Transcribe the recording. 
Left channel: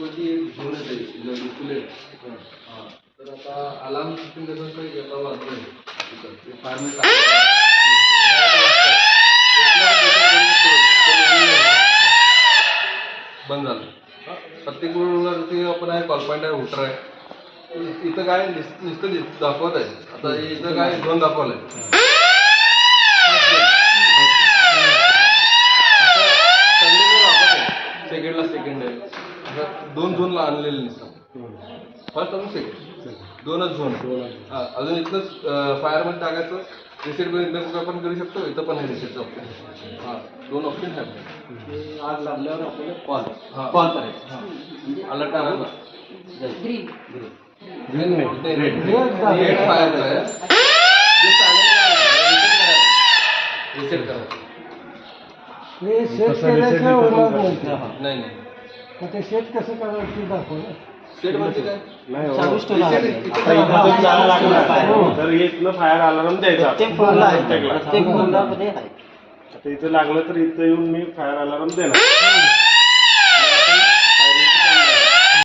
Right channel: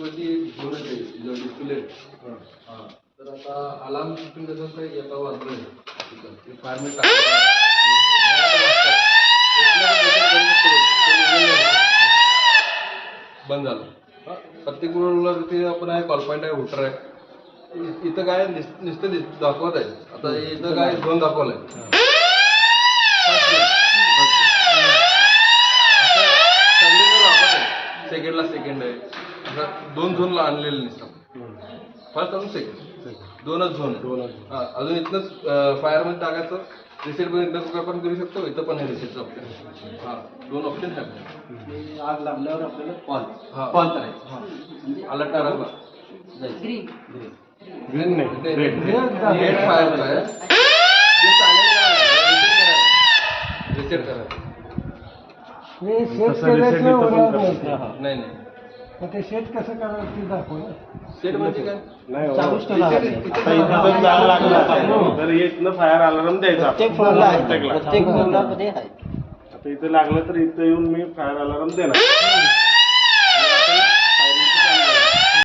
वरती झोन आहे डिस्प्ले. तर आता अलार्म सिस्टम कसं असतं आता वाजलं ते फायरमॅन बंद झालं. प्रत्येक वरती आपण आहे कॉल पॉईंट आहे हुटर आहे. इथं काय नुसतं दाखवत आहे. आता इथं काय झोन दाखवलंय असं सगळीकडे दाखवत आहे. सेकंडला सेकंड आहे असं 2 झोनला आणलेले नसतात. फर्स्ट अजून सेकंड 2च झोन. अजून इथनंच फायरमध्ये टाकायचं. रिसेट पण इथं पण करू शकतो. इथं पण रिसेटचं ऑप्शन. 2 ऑप्शन आहेत. आग लागल्यावर आपल्याला कॉल करायचा. अलर्ट करायला ग्रीन नाही, रेड फायर आहे. रिसेट करायचं. नाही मग ते सेट कसं करायचं ते दाखव ना. सेट म्हणजे काय तर इथनं फायर अलार्म द्यायचा. आता इथं लागलं तर इथं येऊन मी फायर अलार्म देणार.